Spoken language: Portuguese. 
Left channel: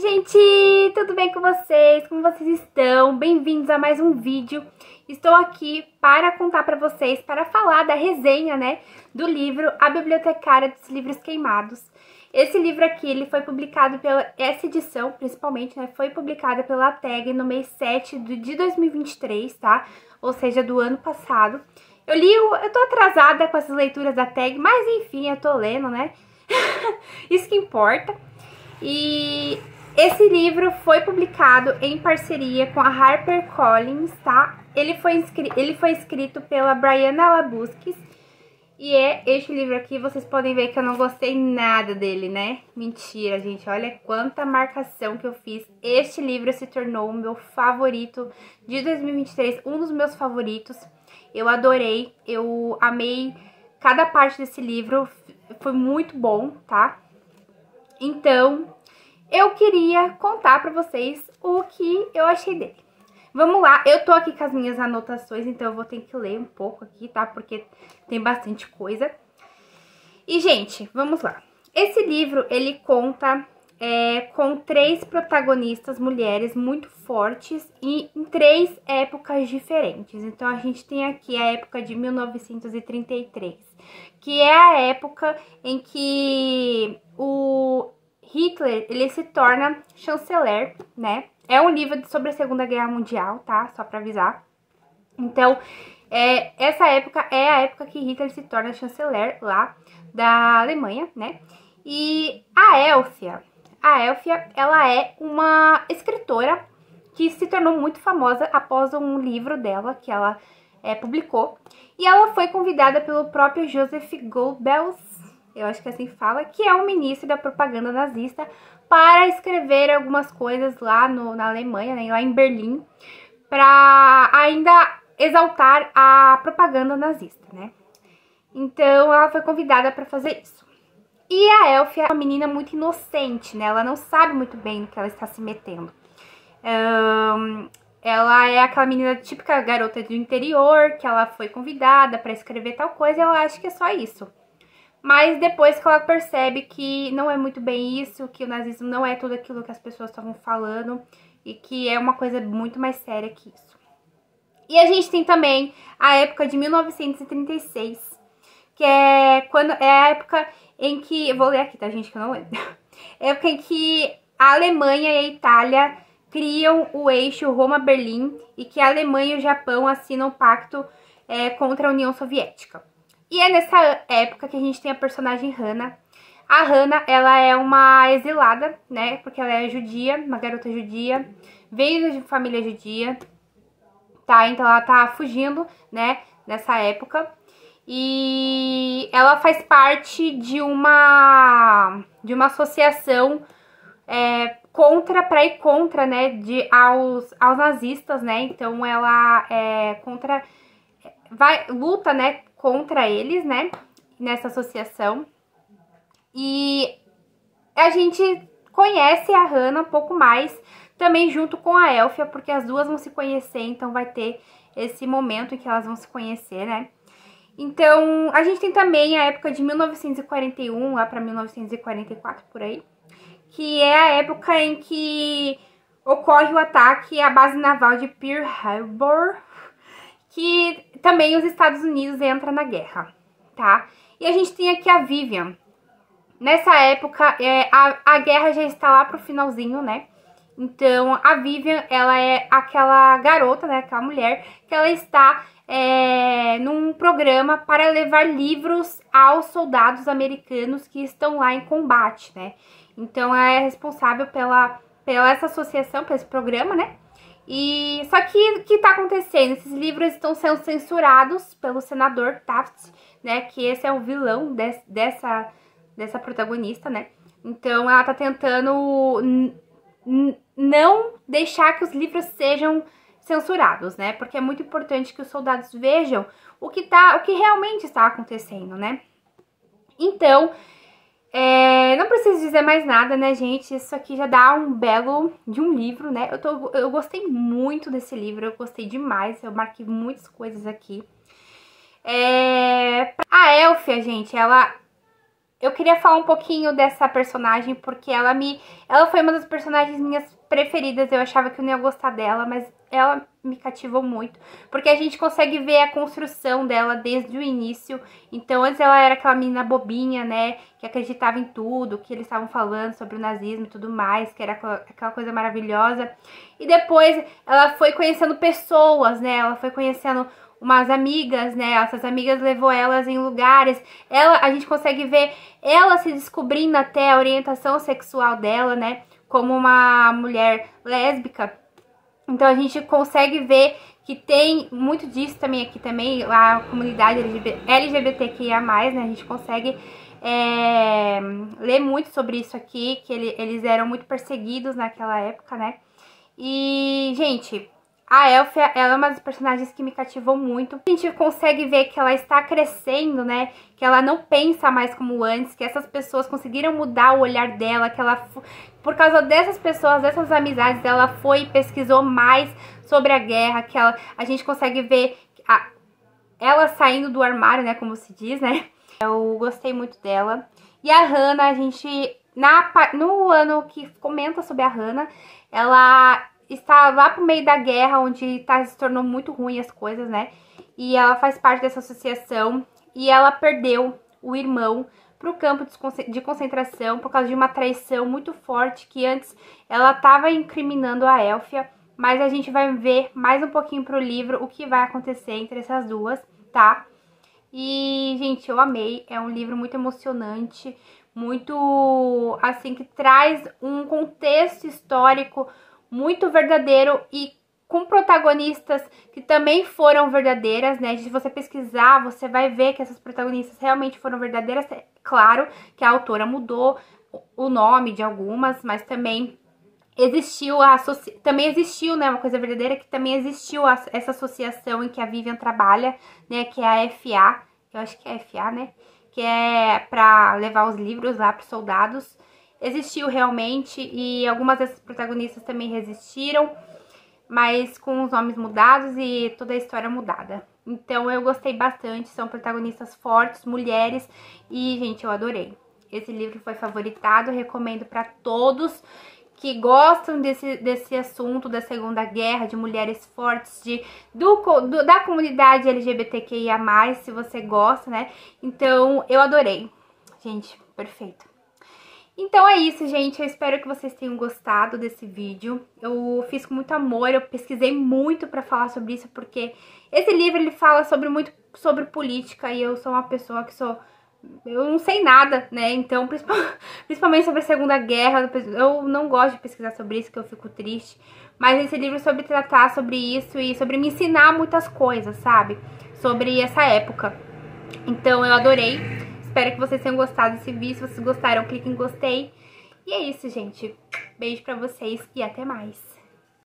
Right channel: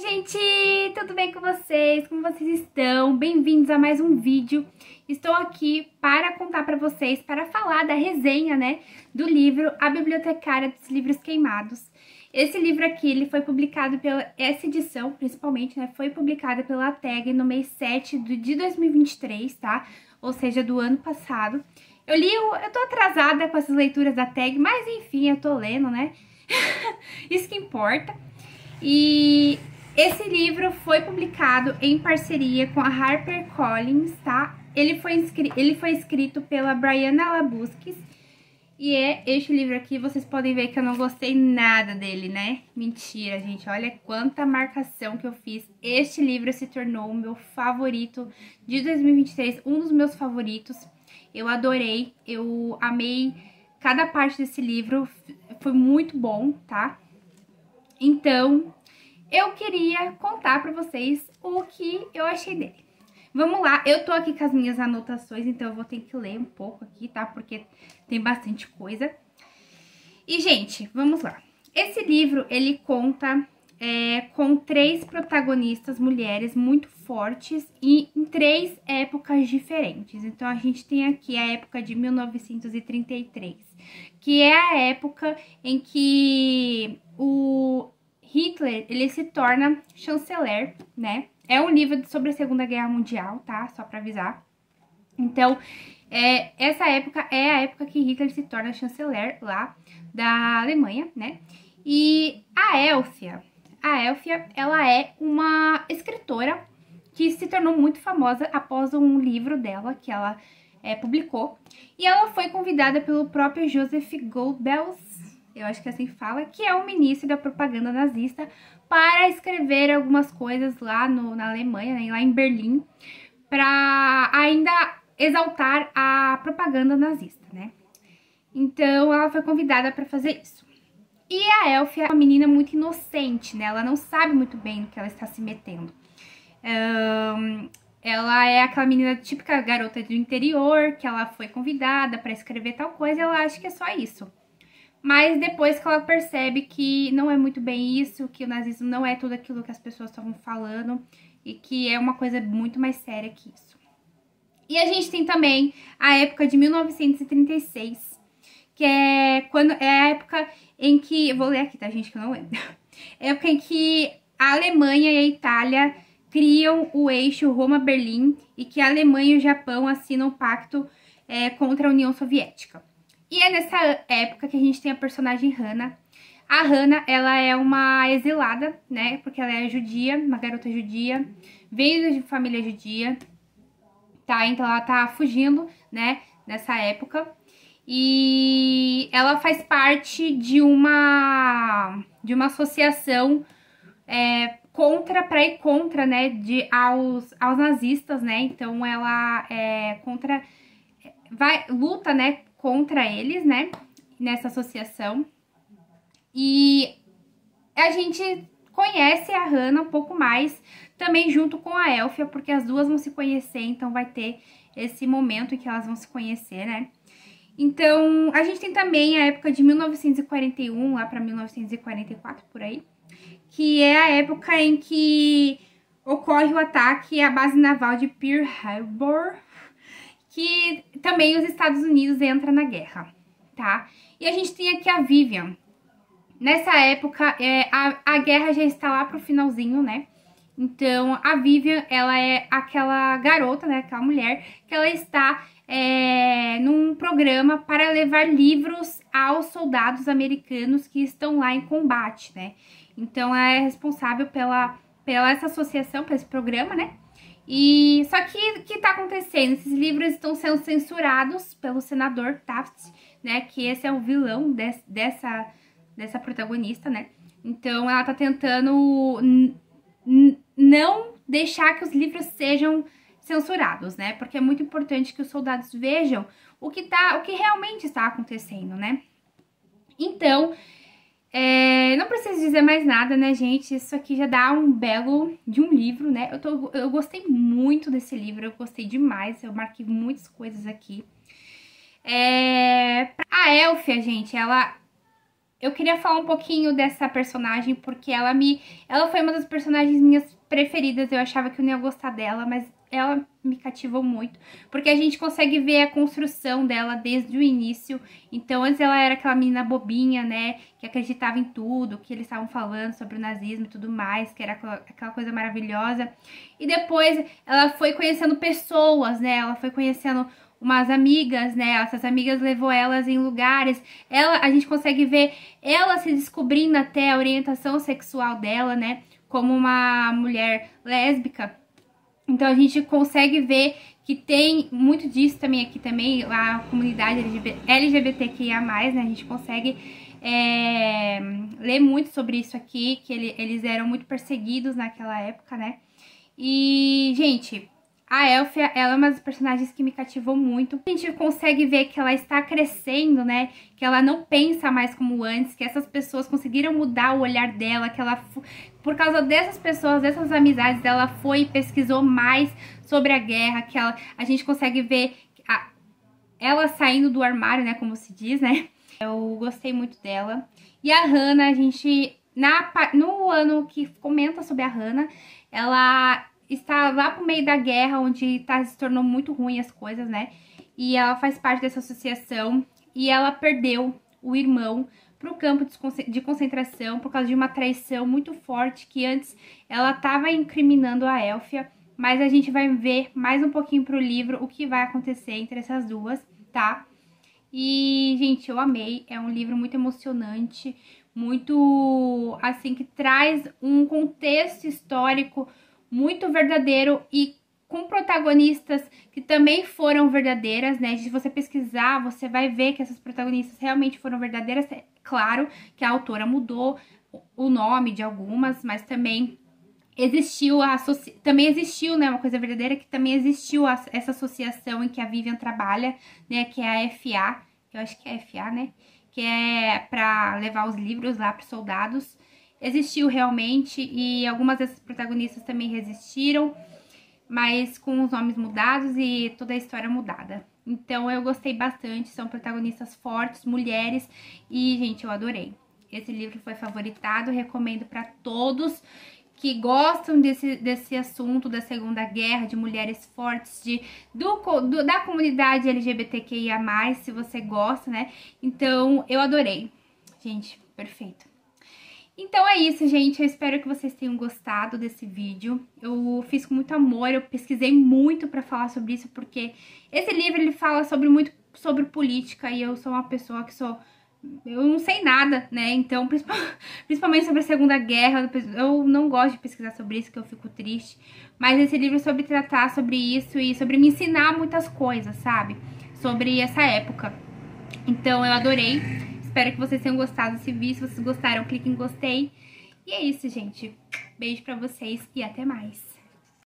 Gente, tudo bem com vocês? Como vocês estão? Bem-vindos a mais um vídeo. Estou aqui para contar para vocês, para falar da resenha, né, do livro A Bibliotecária dos Livros Queimados. Esse livro aqui, ele foi publicado essa edição, principalmente, né, foi publicada pela TAG no mês 7 de 2023, tá? Ou seja, do ano passado. Eu tô atrasada com essas leituras da TAG, mas enfim, eu tô lendo, né? Isso que importa. E esse livro foi publicado em parceria com a HarperCollins, tá? Ele foi escrito pela Brianna Labuskes. E este livro aqui, vocês podem ver que eu não gostei nada dele, né? Mentira, gente. Olha quanta marcação que eu fiz. Este livro se tornou o meu favorito de 2023, um dos meus favoritos. Eu adorei, eu amei cada parte desse livro. Foi muito bom, tá? Então, eu queria contar pra vocês o que eu achei dele. Vamos lá, eu tô aqui com as minhas anotações, então eu vou ter que ler um pouco aqui, tá? Porque tem bastante coisa. E, gente, vamos lá. Esse livro, ele conta com 3 protagonistas mulheres muito fortes e em 3 épocas diferentes. Então, a gente tem aqui a época de 1933, que é a época em que o Hitler, ele se torna chanceler, né? É um livro sobre a Segunda Guerra Mundial, tá? Só pra avisar. Então, essa época é a época que Hitler se torna chanceler lá da Alemanha, né? E a Elfia, ela é uma escritora que se tornou muito famosa após um livro dela que ela publicou. E ela foi convidada pelo próprio Joseph Goebbels, eu acho que assim fala, que é o ministro da propaganda nazista, para escrever algumas coisas lá na Alemanha, né, lá em Berlim, para ainda exaltar a propaganda nazista, né? Então, ela foi convidada para fazer isso. E a Elfia é uma menina muito inocente, né? Ela não sabe muito bem no que ela está se metendo. Ela é aquela menina típica garota do interior, que ela foi convidada para escrever tal coisa e ela acha que é só isso. Mas depois que ela percebe que não é muito bem isso, que o nazismo não é tudo aquilo que as pessoas estavam falando e que é uma coisa muito mais séria que isso. E a gente tem também a época de 1936, que é a época em que... Eu vou ler aqui, tá, gente, que eu não lembro. É a época em que a Alemanha e a Itália criam o eixo Roma-Berlim e que a Alemanha e o Japão assinam o pacto contra a União Soviética. E é nessa época que a gente tem a personagem Hannah. A Hannah, ela é uma exilada, né? Porque ela é judia, uma garota judia. Veio de família judia, tá? Então ela tá fugindo, né? Nessa época. E ela faz parte de uma associação pra ir contra, né? Aos nazistas, né? Então ela luta, né? Contra eles, né, nessa associação. E a gente conhece a Hannah um pouco mais, também junto com a Elfia, porque as duas vão se conhecer, então vai ter esse momento em que elas vão se conhecer, né. Então, a gente tem também a época de 1941, lá pra 1944, por aí, que é a época em que ocorre o ataque à base naval de Pearl Harbor, que também os Estados Unidos entram na guerra, tá? E a gente tem aqui a Vivian. Nessa época, a guerra já está lá pro finalzinho, né? Então, a Vivian, ela é aquela garota, né? Aquela mulher que ela está num programa para levar livros aos soldados americanos que estão lá em combate, né? Então, ela é responsável pela essa associação, por esse programa, né? E só que o que tá acontecendo? Esses livros estão sendo censurados pelo senador Taft, né? Que esse é o vilão dessa protagonista, né? Então ela tá tentando não deixar que os livros sejam censurados, né? Porque é muito importante que os soldados vejam o que realmente está acontecendo, né? Então, não preciso dizer mais nada, né, gente? Isso aqui já dá um belo de um livro, né? Eu gostei muito desse livro, eu gostei demais, eu marquei muitas coisas aqui. A Elfia, gente, ela eu queria falar um pouquinho dessa personagem, porque ela foi uma das personagens minhas preferidas. Eu achava que eu não ia gostar dela, mas ela me cativou muito, porque a gente consegue ver a construção dela desde o início. Então, antes ela era aquela menina bobinha, né, que acreditava em tudo, que eles estavam falando sobre o nazismo e tudo mais, que era aquela coisa maravilhosa. E depois ela foi conhecendo pessoas, né, ela foi conhecendo umas amigas, né? Essas amigas levou elas em lugares. A gente consegue ver ela se descobrindo até a orientação sexual dela, né? Como uma mulher lésbica. Então a gente consegue ver que tem muito disso também aqui também, a comunidade LGBTQIA+, né? A gente consegue ler muito sobre isso aqui, que eles eram muito perseguidos naquela época, né? E, gente, a Elphia, ela é uma das personagens que me cativou muito. A gente consegue ver que ela está crescendo, né? Que ela não pensa mais como antes, que essas pessoas conseguiram mudar o olhar dela, que ela, por causa dessas pessoas, dessas amizades, ela foi e pesquisou mais sobre a guerra, que a gente consegue ver ela saindo do armário, né? Como se diz, né? Eu gostei muito dela. E a Hannah, a gente, no ano que comenta sobre a Hannah, ela está lá pro meio da guerra, onde se tornou muito ruim as coisas, né? E ela faz parte dessa associação e ela perdeu o irmão pro campo de concentração por causa de uma traição muito forte que antes ela estava incriminando a Elphia, mas a gente vai ver mais um pouquinho pro livro o que vai acontecer entre essas duas, tá? E, gente, eu amei, é um livro muito emocionante, muito, assim, que traz um contexto histórico muito verdadeiro e com protagonistas que também foram verdadeiras, né? Se você pesquisar, você vai ver que essas protagonistas realmente foram verdadeiras. É claro que a autora mudou o nome de algumas, mas também existiu né, uma coisa verdadeira, que também existiu essa associação em que a Vivian trabalha, né, que é a FA, eu acho que é a FA, né, que é para levar os livros lá para os soldados. Existiu realmente e algumas dessas protagonistas também resistiram, mas com os nomes mudados e toda a história mudada. Então eu gostei bastante, são protagonistas fortes, mulheres, e, gente, eu adorei. Esse livro foi favoritado, recomendo para todos que gostam desse assunto da Segunda Guerra, de mulheres fortes, da comunidade LGBTQIA+, se você gosta, né? Então, eu adorei. Gente, perfeito. Então é isso, gente. Eu espero que vocês tenham gostado desse vídeo. Eu fiz com muito amor, eu pesquisei muito pra falar sobre isso, porque esse livro, ele fala muito sobre política, e eu sou uma pessoa que eu não sei nada, né? Então, principalmente sobre a Segunda Guerra, eu não gosto de pesquisar sobre isso, que eu fico triste. Mas esse livro é sobre tratar sobre isso e sobre me ensinar muitas coisas, sabe? Sobre essa época. Então, eu adorei. Espero que vocês tenham gostado desse vídeo. Se vocês gostaram, clique em gostei. E é isso, gente. Beijo pra vocês e até mais.